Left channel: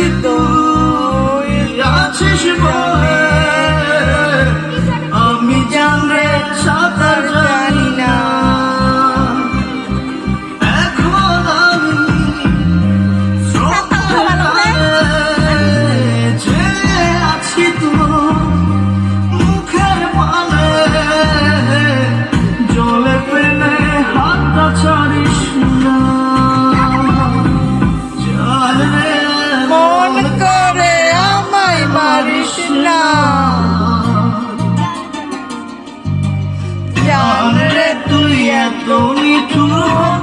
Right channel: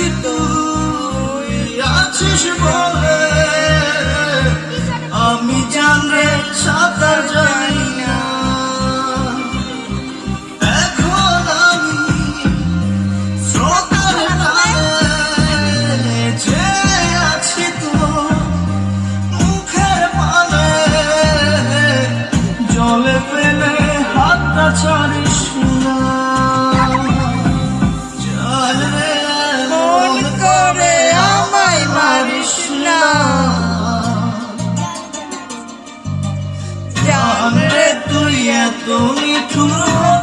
you know জান রে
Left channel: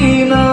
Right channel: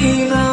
你们